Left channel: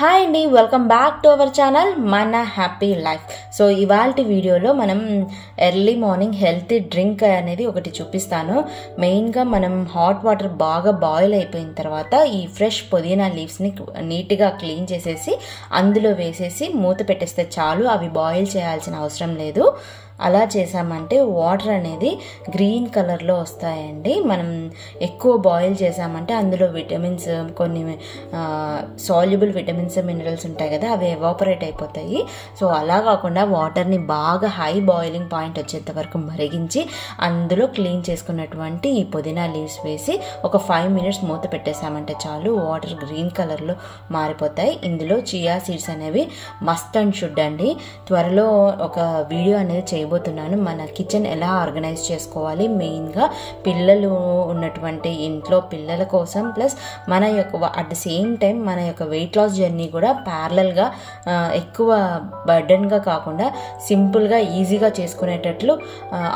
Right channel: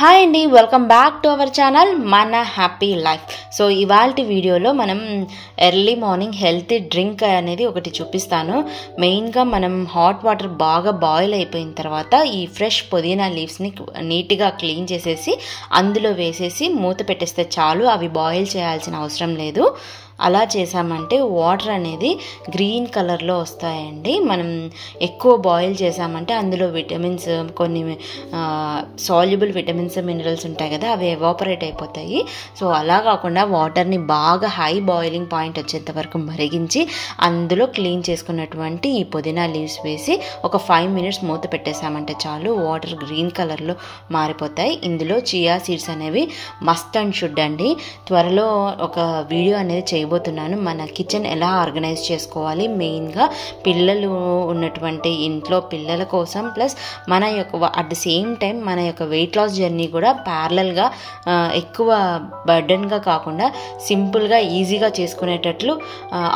Hi అండి, welcome back to our channel మన happy life. So ఇవాళ వీడియోలో మనం ఎర్లీ మార్నింగ్ హెల్తీ డ్రింక్ అనేది ఒకటి చూపిస్తాను. మెయిన్గా మనం హాట్ వాటర్ బాగా బాయిల్ అయిపోయిన తర్వాత ఈ ఫ్రెష్ పుదీనా లీవ్స్ని నీట్గా క్లీన్ చేసేసి అందులో వేసేసి మూత పెట్టేస్తే చాలు. అవి బాయిల్ చేయాల్సిన అవసరం లేదు. అలా చేసామంటే వాటర్ అనేది గ్రీన్ కలర్లో వస్తాయండి. మనం ఎక్కువ బాయిల్ చేసామంటే అందులో విటమిన్స్, కొన్ని సాల్యుబుల్ విటమిన్స్, మినరల్స్ ఉంటాయి కదా, అవి ఎవాపరేట్ అయిపోతాయి. సో అలా కాకుండా వాటర్ని బాగా హై బాయిలింగ్ పాయింట్ వచ్చేంత వరకు మరిగించి అందులో క్లీన్ చేసుకున్నటువంటి ఈ పుదీనా లీవ్స్ వేసి ఒక 5 minutes మూత పెట్టేసామంటే చాలు, వాటర్ గ్రీన్ కలర్లో మారిపోతాయి. ఇందులో చియా సీడ్స్ అనేవి మస్ట్ అండ్ షుడ్ అండి. త్వరలో ఒక వీడియో అనేది చేయబోతున్నాను, మన కిచెన్ ఎలా ఆర్గనైజ్ చేసుకోవాలి. మెయిన్గా పిల్లలు ఉన్నటువంటి ఇంట్లో పిల్లల కోసం, ప్లస్ మన యొక్క అట్ ద సేమ్ టైం మన యొక్క వెయిట్ లాస్ జర్నీ కూడా ప్యారలల్గా ఎక్కువ బర్డన్గా కాకుండా సింపుల్గా ఈజీగా చేసుకునేటట్లు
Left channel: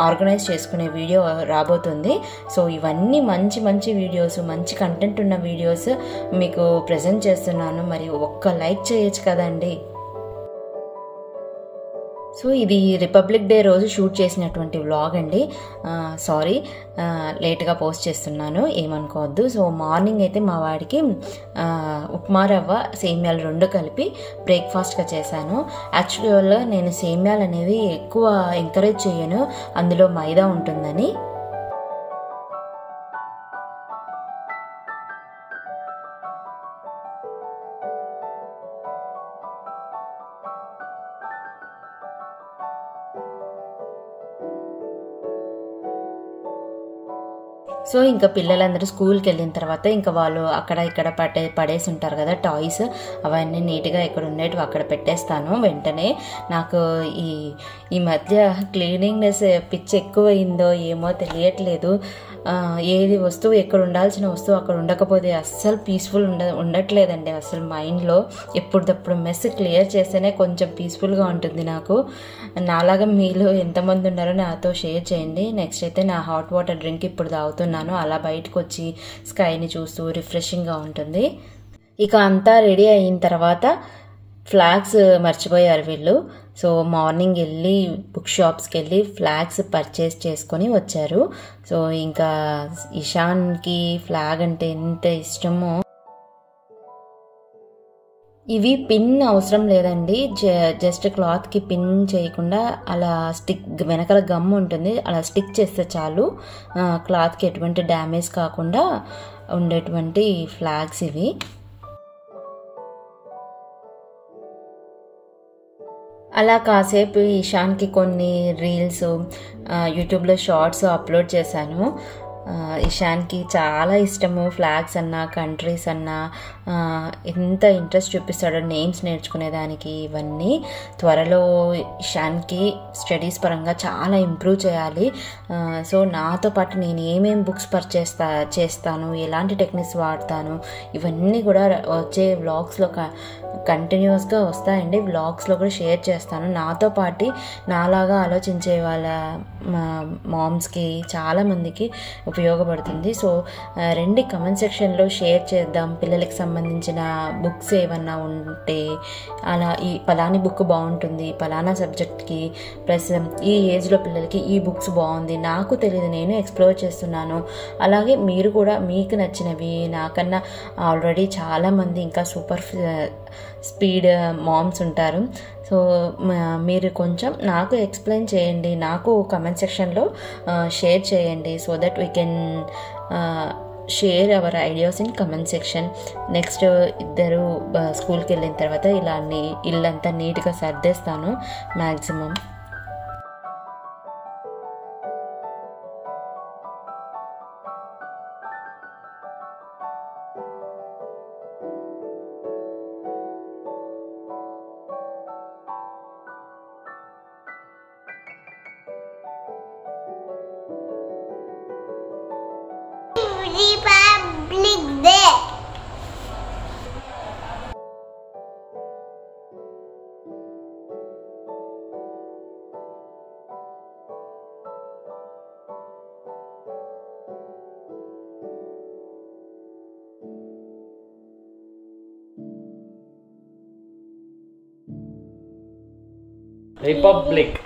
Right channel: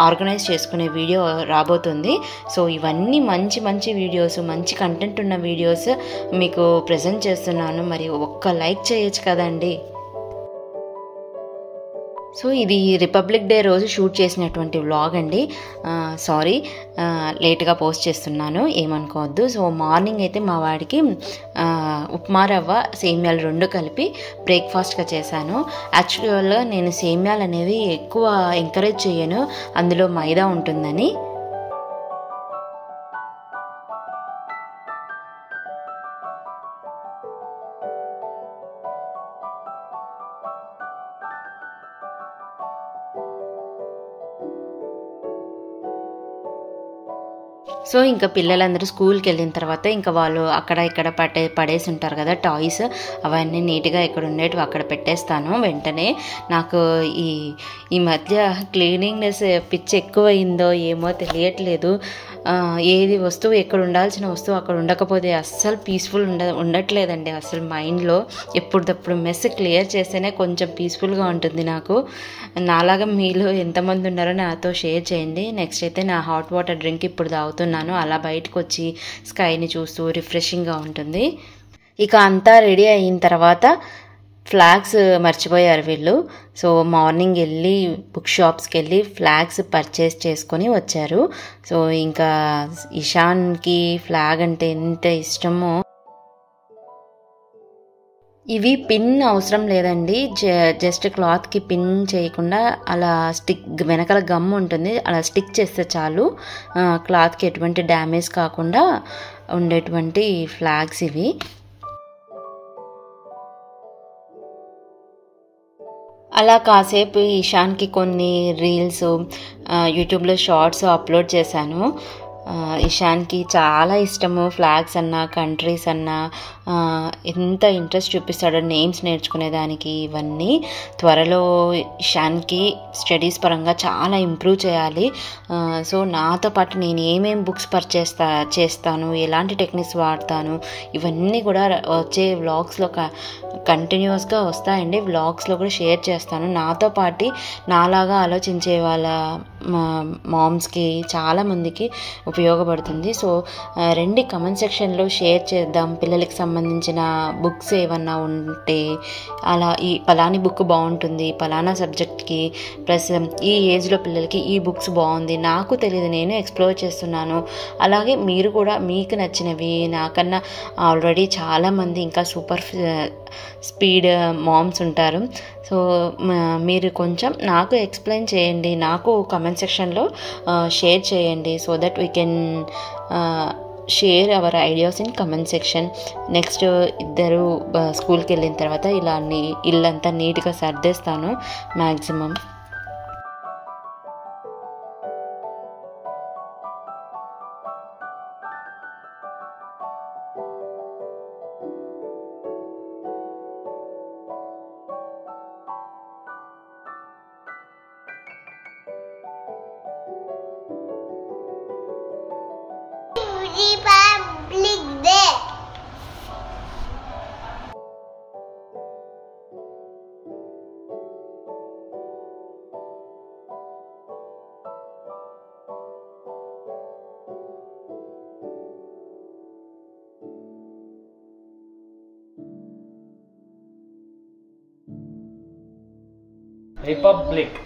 ఆర్గనైజ్ చేసుకునే వీడియో రాబోతుంది. సో ఇవన్నీ మంచి మంచి వీడియోస్, మంచి కంటెంట్ ఉన్న వీడియోస్ మీకు ప్రజెంట్ చేస్తున్నాను. మరి ఒక్క లైక్ చేయొచ్చు కదండి. సో ఇది రిపబ్లిక్ డే రోజు షూట్ చేసినటువంటి వ్లాగ్ అండి. సారీ, లేట్గా పోస్ట్ చేస్తున్నాను, ఏమనుకోవద్దు. సో మార్నింగ్ అయితే మా వాడికి ఉప్మా రవ్వ సేమ్యాలు 2 కలిపి బ్రేక్ఫాస్ట్గా చేశాను. యాక్చువల్గా నేను సేమ్యాలు అనేవి ఎక్కువ ఎంకరేజ్ చేయను, అందులో మైదా ఉంటుందని. సో ఇంకా పిల్లలందరూ స్కూల్కి వెళ్ళిన తర్వాత ఇంకా వాళ్ళు అక్కడ ఇక్కడ పడేసి ఉంటారు కదా టాయ్స్, అవన్నీ నీట్గా ఎక్కడ ఉండేవి అక్కడ పెట్టేస్తాను. వెంటనే నాకు ఈ మధ్య క్లీనింగ్నెస్ పిచ్చి ఎక్కువైందో ఏమో తెలియట్లేదు. ఏది వస్తువు ఎక్కడ ఉండాల్సిన వస్తువు అక్కడ ఉండకపోతే అస్సలు పీస్ఫుల్ ఉండట్లేదండి. అసలు మైండ్లో ఎప్పుడప్పుడు మెస్ క్లియర్ చేస్తేనే కొంచెం పీస్ఫుల్గా ఉంటుంది నాకు. నాలాగా మీలో ఎంతమంది ఉన్నారో నాతో షేర్ చేయండి. నెక్స్ట్ అయితే నా హాట్ వాటర్ డ్రింక్ ఇప్పుడు తాగుతున్నాను. అలా బయటకు వచ్చి స్కైని చూస్తూ రిఫ్రెషింగ్గా ఉంటుంది. ఇక అంతా రెడీ అయిన తర్వాత ఫ్లాగ్స్ మర్చిపోయారు వీళ్ళు. సో మార్నింగ్ వెళ్ళి బుక్ షాప్స్కి వెళ్ళి ఫ్లాగ్స్ పర్చేస్ చేసుకొని వచ్చారు. సో ఇంకా ఇషాన్కి ఫ్లాగ్ అంటే ఎంత ఇష్టమో. ఇవి పిన్ అవసరం లేదండి, జస్ట్ క్లాత్కి పిన్ చేయకుండా అలా స్టిక్, వెనకాల గమ్ ఉంటుంది, అలా స్టిక్ చేస్తే చాలు. క్లాత్కి ఎటువంటి డ్యామేజ్ కాకుండా ఉండేటువంటి ఫ్లాగ్స్ ఇవి. అలా కాసేపు ఇషాన్కి కొన్ని రీల్స్, యూట్యూబ్లో షార్ట్స్ అప్లోడ్ చేశాను. ఇషాన్కి చాలా ఇష్టము ఫ్లాగ్స్ అన్నా, కంట్రీస్ అన్నా, ఎంత ఇంట్రెస్ట్ చూపిస్తాడో నేమ్స్ నేర్చుకునేదానికి. ఇవన్నీ త్వరలో ఇషాన్కి స్టడీస్ పరంగా చాలా ఇంప్రూవ్ చేయాలి. సో నాతో పాటు నేను ఏమేం బుక్స్ చేస్తాను, ఎలాంటి టెక్నిక్స్ వాడతాను, ఇవన్నీ కూడా వచ్చే వ్లాగ్స్లో కంటిన్యూస్గా వస్తాయండి. వ్లాగ్స్లో కూడా షేర్ చేస్తాను. నాతో పాటు నాలాగా ఆలోచించే వాళ్ళ మామ్స్కి చాలామందికి ఉపయోగపడుతుంది. సో రండి కమెంట్ సెక్షన్లో షేర్ చేద్దాం. పిల్లలకి సంబంధించిన బుక్స్ ఏమన్నా ఉంటే, అలా ఈ పలాని బుక్ బాగుంటుంది పలానా సబ్జెక్ట్కి, ప్లస్ ఈ ఏజ్లో పిల్లలకి ఈ బుక్స్ బాగుంది, నాకు తెలియదు, నేను ఎక్స్ప్లోర్ చేస్తున్నాను. అలాగే మీరు కూడా మీకు నచ్చినవి, నాకన్నా ఆల్రెడీ చాలామంది ఇంకా సూపర్ స్పీడ్ మామ్స్ ఉంటారు. సో మీరు కొంచెం నాకు ఎక్స్ప్లెయిన్ చేయండి, నాకు కమెంట్ సెక్షన్లో షేర్ చేయండి. So that we can share our ideas in comment section. Next ఇద్దరు స్కూల్కి వెళ్ళిన తర్వాత ఇలా ఇల్లంతా నీట్గా సర్దేస్తాను maximum. Republic Day. Republic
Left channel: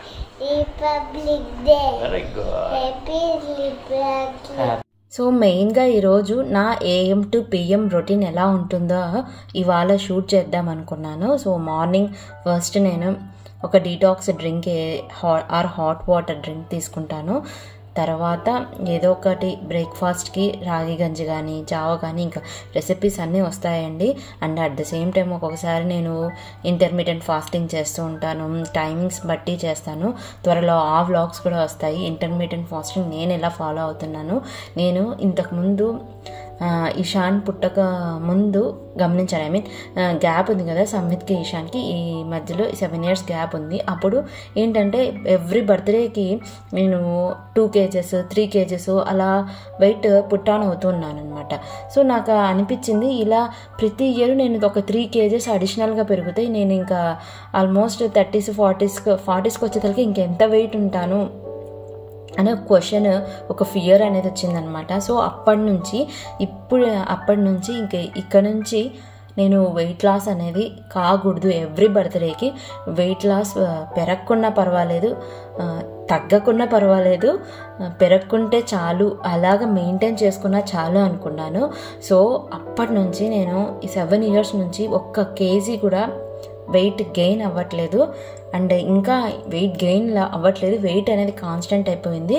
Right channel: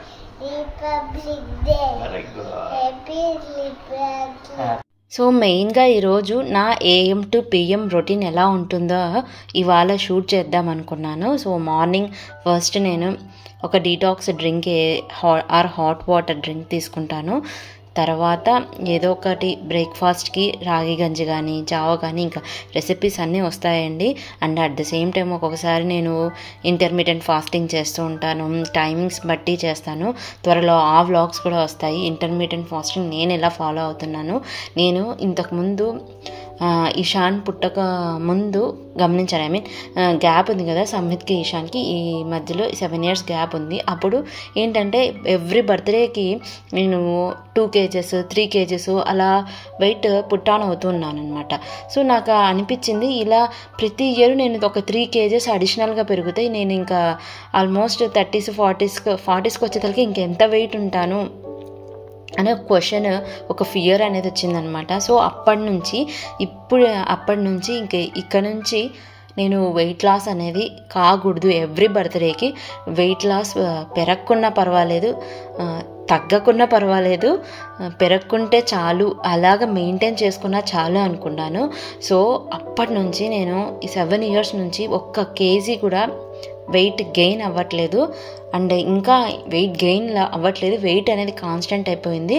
Day. Very good. Happy republic. So మెయిన్గా ఈరోజు నా AM to PM రొటీన్ ఎలా ఉంటుందో ఇవాళ షూట్ చేద్దాం అనుకున్నాను. సో మార్నింగ్ ఫస్ట్ నేను ఒక detox drink hot water drink తీసుకుంటాను. తర్వాత ఏదో ఒకటి బ్రేక్ఫాస్ట్కి రాగి గంజి కానీ జావ కానీ ఇంకా రెసిపీస్ అన్నీ వస్తాయండి. And at the same time ఒక్కొక్కసారి నేను ఇంటర్మీడియట్ ఫాస్టింగ్ చేస్తూ ఉంటాను, టైమింగ్స్ బట్టి చేస్తాను. త్వరలో ఆ వ్లాగ్స్ కూడా వస్తాయి. ఇంటర్మీడియట్ ఫాస్టింగ్ నేను ఎలా ఫాలో అవుతున్నాను, నేను ఇంతకుముందు ఇషాన్ పుట్టక ముందు గమనించాను. గ్యాప్ ఉంది కదా సంహిత్కి ఇషాన్కి, ఈ మధ్యలో 7 years గ్యాప్ ఉంది. అప్పుడు ఏంటంటే ఎవ్రీ బర్త్డేకి నేను 2 kgs 3 kgs అలా వెయిట్ పుట్టాన్ అవుతున్నాను అనమాట. సో నాకు అనిపించింది ఇలా ప్రతి ఇయర్ నేను ఒక 3 kgs అడిషనల్గా పెరుగుతాయి, నేను ఇంకా ఆల్మోస్ట్ 30s 40s వచ్చేసరికి ఇంకెంత వెయిట్ ఉంటాను అనే క్వశ్చన్, ఒక ఫియర్ అనేది వచ్చిందనమాట. సో అప్పటి నుంచి ఇక్కడ నుంచి నేను వెయిట్ లాస్ అనేది కాకూడదు. ఎవ్రీ బర్త్డేకి వెయిట్ లాస్ పెరగకున్నా పర్వాలేదు, తగ్గకున్నా పర్వాలేదు, పెరగకుంటే చాలు, అలాగ మెయింటైన్ చేసుకున్నా చాలు అనుకున్నాను. సో అప్పటి నుంచి నేను ఈ 7 years నుంచి 1 kg కూడా వెయిట్ గెయిన్ అవ్వట్లేదు. అండ్ ఇంకా వెయిట్ గెయిన్ అవ్వట్లేదు, వెయిట్ అనేది కాన్స్టెంట్ అయిపోయింది.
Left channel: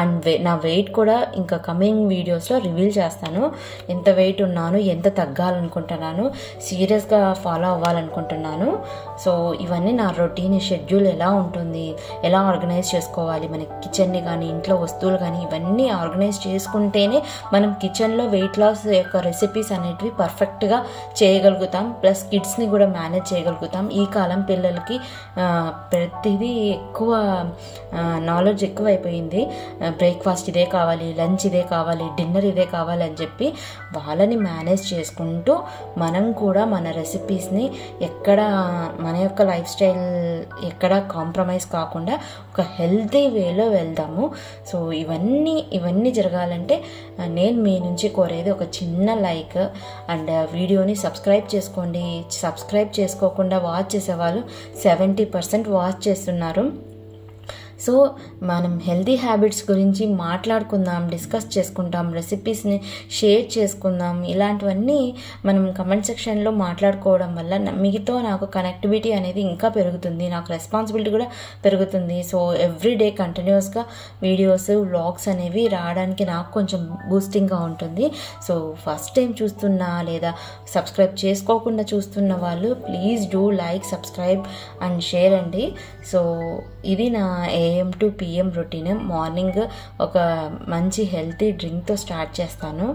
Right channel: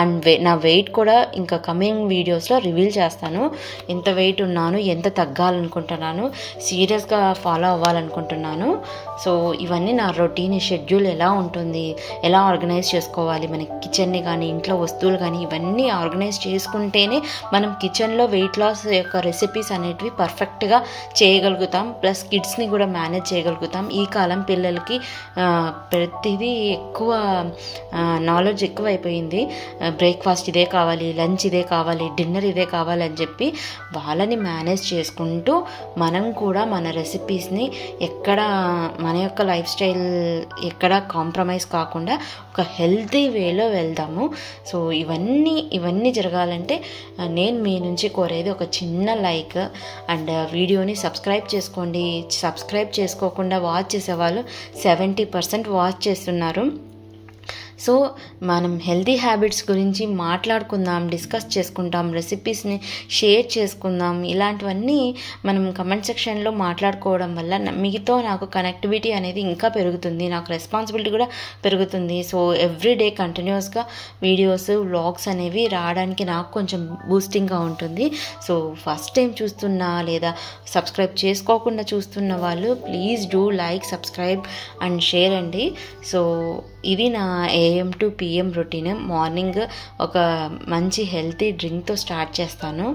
అండ్ నా వెయిట్ కూడా ఇంకా కమింగ్ వీడియోస్లో రివీల్ చేస్తాను. ఎంత వెయిట్ ఉన్నాను, ఎంత తగ్గాలనుకుంటున్నాను, సీరియస్గా ఫాలో అవ్వాలనుకుంటున్నాను. సో ఇవన్నీ నా రొటీన్ షెడ్యూల్ ఎలా ఉంటుంది, ఎలా ఆర్గనైజ్ చేసుకోవాలి, మన కిచెన్ని కానీ ఇంట్లో వస్తువులు కానీ ఇవన్నీ ఆర్గనైజ్ చేసుకుంటేనే మనం కిచెన్లో వెయిట్ లాస్ యొక్క రెసిపీస్ అనేటివి పర్ఫెక్ట్గా చేయగలుగుతాం. ప్లస్ కిడ్స్ని కూడా మేనేజ్ చేయగలుగుతాం. ఈ కాలం పిల్లలకి ప్రతిదీ ఎక్కువ నాలెడ్జ్ ఎక్కువ అయిపోయింది. బ్రేక్ఫాస్ట్ ఇదే కావాలి, లంచ్ ఇదే కావాలి, డిన్నర్ ఇదే కావాలి అని చెప్పి వాళ్ళని మేనేజ్ చేసుకుంటూ మనం కూడా మన రెసిపీస్ని ఎక్కడ మన యొక్క లైఫ్ స్టైల్ ఎక్కడ కాంప్రమైజ్ కాకుండా ఒక హెల్తీ వేలో వెళ్దాము. సో ఇవన్నీ జరగాలంటే నేను మీ నుంచి కోరేది ఒక చిన్న లైక్ అండ్ వీడియోని సబ్స్క్రైబ్ చేసుకోండి. సబ్స్క్రైబ్ చేసుకోకుండా వాచ్ చేసేవాళ్ళు 70% వాచ్ చేస్తున్నారు. సో మనం హెల్తీ హ్యాబిట్స్ గురించి మాట్లాడుకుందాం, డిస్కస్ చేసుకుంటాం, రెసిపీస్ని షేర్ చేసుకుందాం. ఇలాంటివన్నీ మనం కమెంట్ సెక్షన్లో మాట్లాడుకోవడం వల్ల మీతో నాకు కనెక్టివిటీ అనేది ఇంకా పెరుగుతుంది, నాకు రెస్పాన్సిబిలిటీ కూడా పెరుగుతుంది. సో ఎవ్రీడే కంటిన్యూస్గా వీడియోస్ వ్లాగ్స్ అనేవి రావడానికి నాకు కొంచెం బూస్టింగ్గా ఉంటుంది. సో ఫస్ట్ టైం చూస్తున్నా లేదా సబ్స్క్రైబ్ చేసుకోకుండా చూస్తున్న వాళ్ళు please do like, subscribe and share అండి. సో ఇది నా AM to PM routine. Morning ఒక మంచి హెల్తీ డ్రింక్తో స్టార్ట్ చేస్తాను.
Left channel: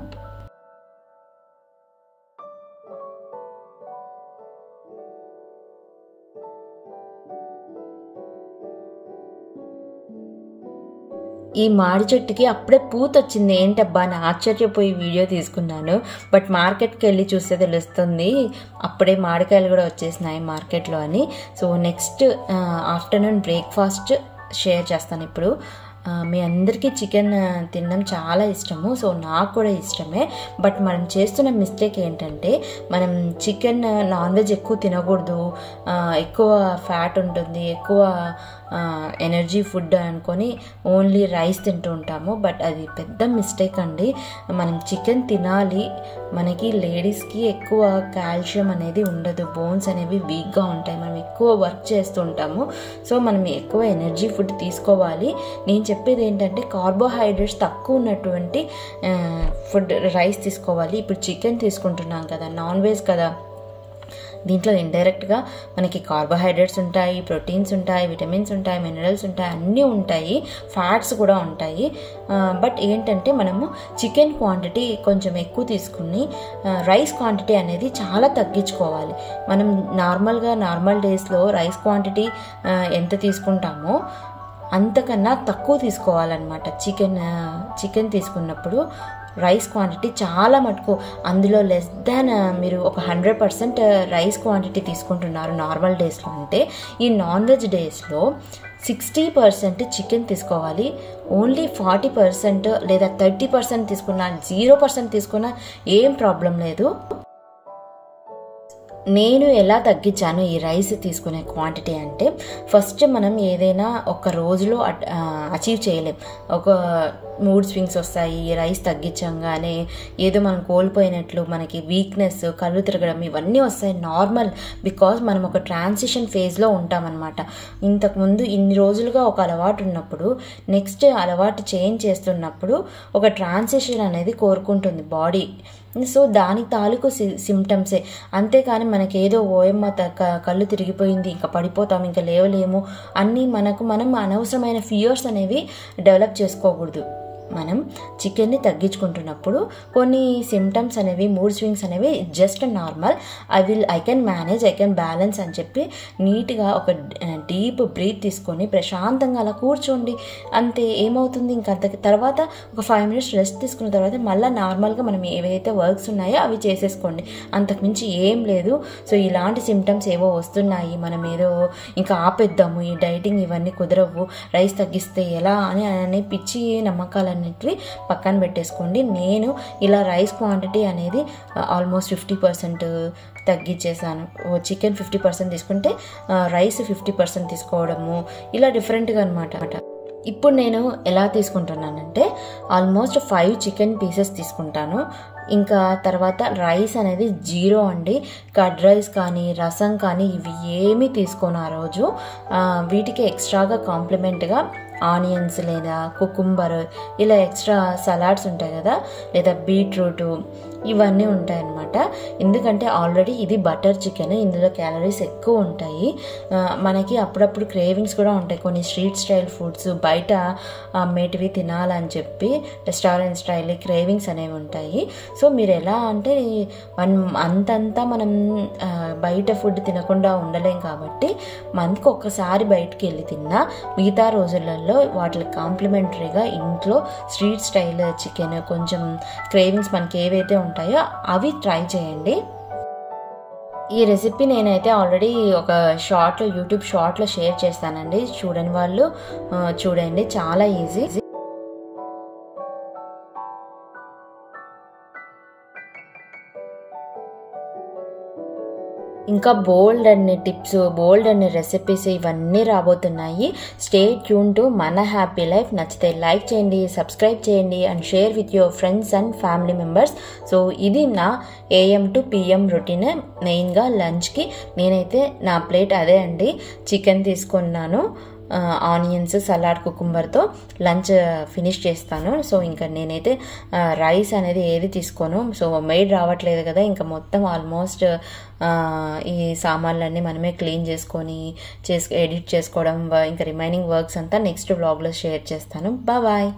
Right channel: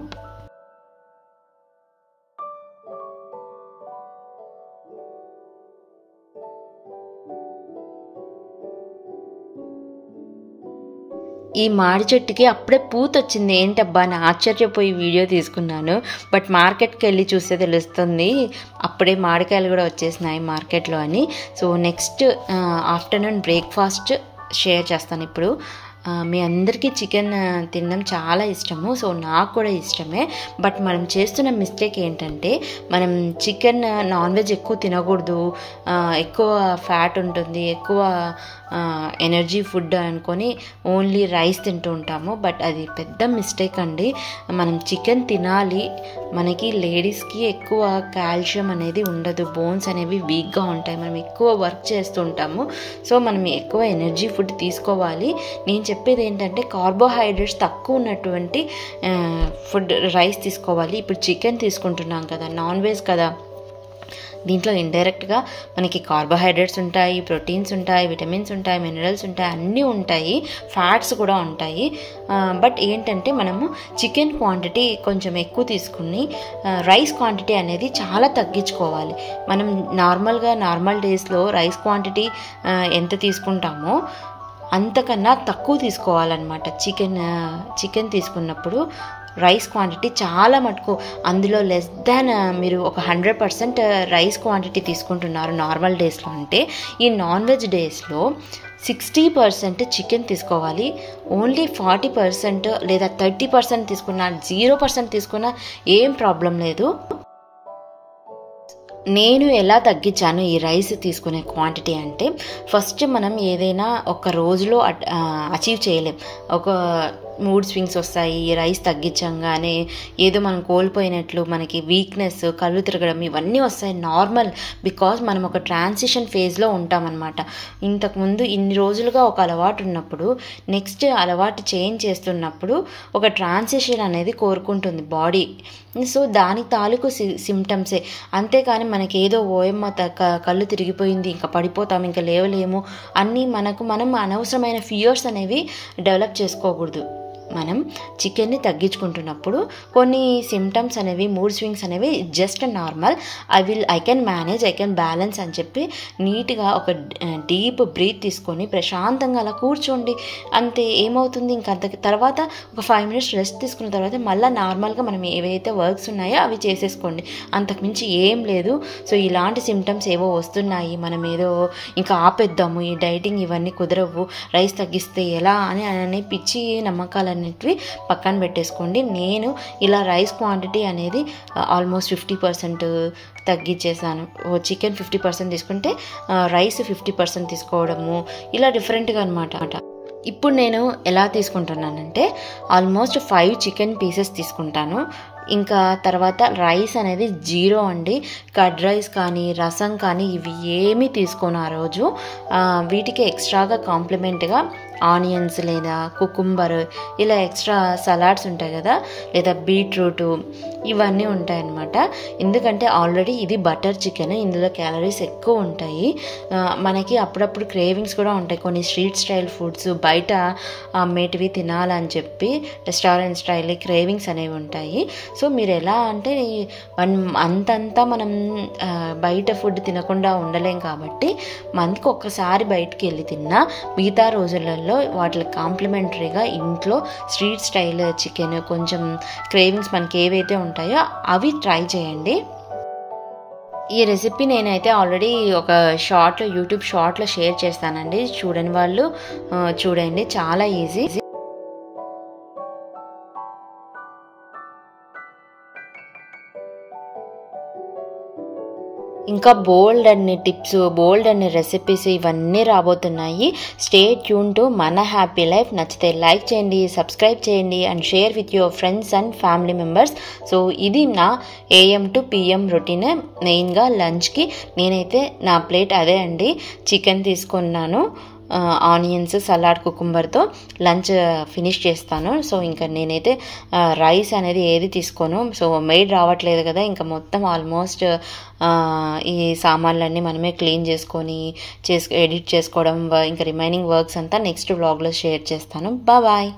ఈ మాడి చెట్టుకి అప్పుడే పూత వచ్చింది, ఏంటబ్బా అని ఆశ్చర్యపోయి వీడియో తీసుకున్నాను. బట్ మార్కెట్కి వెళ్ళి చూస్తే తెలుస్తుంది అప్పుడే మామిడికాయలు కూడా వచ్చేసినాయి మార్కెట్లో అని. So next afternoon breakfast share చేస్తాను ఇప్పుడు. మీ అందరికీ చికెన్ తినడం చాలా ఇష్టము, సో నాకు కూడా ఇష్టమే. బట్ మనం చేస్తున్న మిస్టేక్ ఏంటంటే మనం చికెన్ నాన్ వెజ్ ఎక్కువ తినకూడదు, ఎక్కువ ఫ్యాట్ ఉంటుంది, ఎక్కువ ఎనర్జీ ఫుడ్ అనుకొని ఓన్లీ రైస్ తింటూ ఉంటాము. బట్ అది పెద్ద మిస్టేక్ అండి. మనం చికెన్ తినాలి. మనకి లేడీస్కి ఎక్కువ కాల్షియం అనేది ఉండదు, బోన్స్ అనేవి వీక్గా ఉంటాయి, మనం ఎక్కువ వర్క్ చేస్తూ ఉంటాము. సో మనం ఎక్కువ ఎనర్జీ ఫుడ్ తీసుకోవాలి. నేను చెప్పేది ఏంటంటే కార్బోహైడ్రేట్స్ తక్కువ ఉన్నటువంటి ఫుడ్ రైస్ తీసుకోవాలి. ఇప్పుడు చికెన్ తీసుకుంటున్నాం కదా, నాన్ వెజ్ కదా, దీంట్లో ఇండైరెక్ట్గా మనకి కార్బోహైడ్రేట్స్ ఉంటాయి, ప్రోటీన్స్ ఉంటాయి, విటమిన్స్ ఉంటాయి, మినరల్స్ ఉంటాయి, అన్నీ ఉంటాయి, ఫ్యాట్స్ కూడా ఉంటాయి. బట్ ఏంటంటే మనము చికెన్ క్వాంటిటీ కొంచెం ఎక్కువ తీసుకుని రైస్ క్వాంటిటీ అనేది చాలా తగ్గించుకోవాలి. మనం నార్మల్ డేస్లో రైస్ క్వాంటిటీ ఎంత తీసుకుంటామో అంతకన్నా తక్కువ తీసుకోవాలన్నమాట. చికెన్ తీసుకున్నప్పుడు రైస్ క్వాంటిటీ చాలా మటుకు, అందులో లెస్ దాన్ మీరు ఒక 100% రైస్ క్వాంటిటీ తీసుకుంటున్నారు నార్మల్ డేస్లో అంటే, ఈ నాన్ వెజ్ డేస్లో 60% చికెన్ తీసుకోవాలి. ఓన్లీ 40% లేదా 30% తీసుకున్నా, 0% తీసుకున్నా ఏం ప్రాబ్లం లేదు. నేను ఎలా తగ్గించాను ఈ రైస్ తీసుకునే క్వాంటిటీ అంటే, ఫస్ట్ మనం ఏదైనా ఒక రోజులో అచీవ్ చేయలేం. ఒక మూడ్ స్వింగ్స్ వస్తాయి, రైస్ తగ్గించంగానే ఏదో మనం కోల్పోయినట్లు, మనకి వీక్నెస్, కళ్ళు తిరగడం ఇవన్నీ వస్తాయి, నార్మల్. బికాజ్ మనం ఒక ట్రాన్సిషన్ ఫేజ్లో ఉంటామన్నమాట. ఇంతకుముందు ఇన్ని రోజులుగా ఒక అలవాటు ఉన్నప్పుడు నెక్స్ట్ అలవాటు చేంజ్ చేస్తున్నప్పుడు ఒక ట్రాన్సిషన్ అనేది కోరుకుంటుంది బాడీ. సో దానికి తాలూకు సిమ్టమ్సే, అంతేకాని మనకి ఏదో ఓయమ్మ కళ్ళు తిరిగిపోయింది, ఇంకా పడిపోతాం, ఇంకా లేవలేము అన్నీ మనం అనవసరమైన ఫియర్స్ అనేవి డెవలప్ చేసుకోకూడదు. మనం చికెన్ని తగ్గించుకుంటున్నప్పుడు కొన్ని సిమ్టమ్స్ అనేవి, మూడ్ స్వింగ్స్ అనేవి just normal, I can manage, I can balance అని చెప్పి నీట్గా ఒక డీప్ బ్రీత్ తీసుకొని ప్రశాంతంగా అలా కూర్చోండి. అంతే, ఏమవుతుంది ఇంకా తర్వాత ఒక 5 minutes రెస్ట్ తీసుకున్న తర్వాత మళ్ళీ నార్మల్గా మనం ఏవైతే వర్క్స్ ఉన్నాయో అవి చేసేసుకోండి. అంతకుమించి ఏం లేదు. సో ఇలాంటి సిమ్టమ్స్ ఏవో వస్తున్నాయి, మనం ఏదో ఇంకా ఆపేద్దాము, ఈ డైటింగ్ ఇవన్నీ కుదరవు, రైస్ తగ్గిస్తే ఎలా అని పిచ్చి నమ్మకాలన్నీ పక్కన పెట్టేసుకోండి. నేను ఇలా రైస్ క్వాంటిటీ అనేది ఆల్మోస్ట్ 50% తగ్గించేసాను. చికెన్ 50% తీసుకుంటే రైస్ 50% తీసుకోవడము, ఇలా డిఫరెంట్గా అనమాట. ఇప్పుడు నేను ఎలా తీసుకుంటున్నానంటే ఆల్మోస్ట్ 5 చికెన్ పీసెస్ తీసుకుంటాను. ఇంకా తర్వాత రైస్ అనేది 0 అండి. కర్డ్ రైస్ కానీ రసం కానీ ఇవి ఏమీ తీసుకోను ఆ రోజు. వీటికి ఎక్స్ట్రాగా కాంప్లిమెంట్గా ఆనియన్స్ లేదా కుకుంబర్, ఇలా ఎక్స్ట్రా సలాడ్స్ ఉంటాయి కదా, లేదా బీట్రూటు, ఇవన్నీ ఉంటాయన్నమాట. ఎందుకంటే ఆల్రెడీ ఇది బటర్ చికెన్, ఇందులో క్యాలరీస్ ఎక్కువ ఉంటాయి. మనకి అప్పుడప్పుడు క్రేవింగ్స్ కూడా ఉంటాయి, కొన్ని స్ట్రీట్ స్టైల్ ఫుడ్స్ బయట అమ్మేటివి తినాలని చెప్పి రెస్టారెంట్ స్టైల్ క్రేవింగ్స్ అనేవి ఉంటాయి. సో మీరు ఎలా అంటే అంతంతా మనం బయట ఫుడ్ తినకుండా ఉండలేం కాబట్టి మంత్కి ఒక్కసారి బయటికి వెళ్ళి తిన్నా, మిగతా రోజులలో వాటికి కాంప్లిమెంటరీగా ఇంట్లో స్ట్రీట్ స్టైల్ చికెన్, కొంచెం క్రేవింగ్స్ మనకి ఏవైతే ఉంటాయో అవి ట్రై చేయండి. ఈ రెసిపీ నేనైతే ఆల్రెడీ ఒక యూట్యూబ్ షార్ట్లో షేర్ చేస్తానండి, చూడని వాళ్ళు చూడండి, చాలా ఈజీ. ఇంకా బోల్డ్ అన్ని టిప్స్, బోల్డ్ అన్ని రెసిపీస్ ఇవన్నీ రాబోతున్నాయి. స్టే ట్యూన్ టు మన హ్యాపీ లైఫ్. నచ్చితే లైక్ చేయండి, సబ్స్క్రైబ్ చేయండి and share with your friends and family members. So ఇది నా AM to PM రొటీన్. మెయిన్గా లంచ్కి నేనైతే నా ప్లేట్ అదే అండి, చికెన్ తీసుకున్నాను, ఆనియన్స్, సలాడ్, కుకుంబర్తో లంచ్ ఫినిష్ చేస్తాను. సో ఇంకా నేనైతే రైస్ అనేది ఏది తీసుకోను. సో మెయిడ్ రావట్లేదు కదా, ఇంకా మొత్తం ఆల్మోస్ట్ ఈ సామాన్లన్నీ మనమే క్లీన్ చేసుకొని ఎడిట్ చేసుకోవడం, ఇంకా రిమైనింగ్ వర్క్స్ అంతా నెక్స్ట్ వ్లాగ్లో షేర్ చేస్తాను. బాయ్.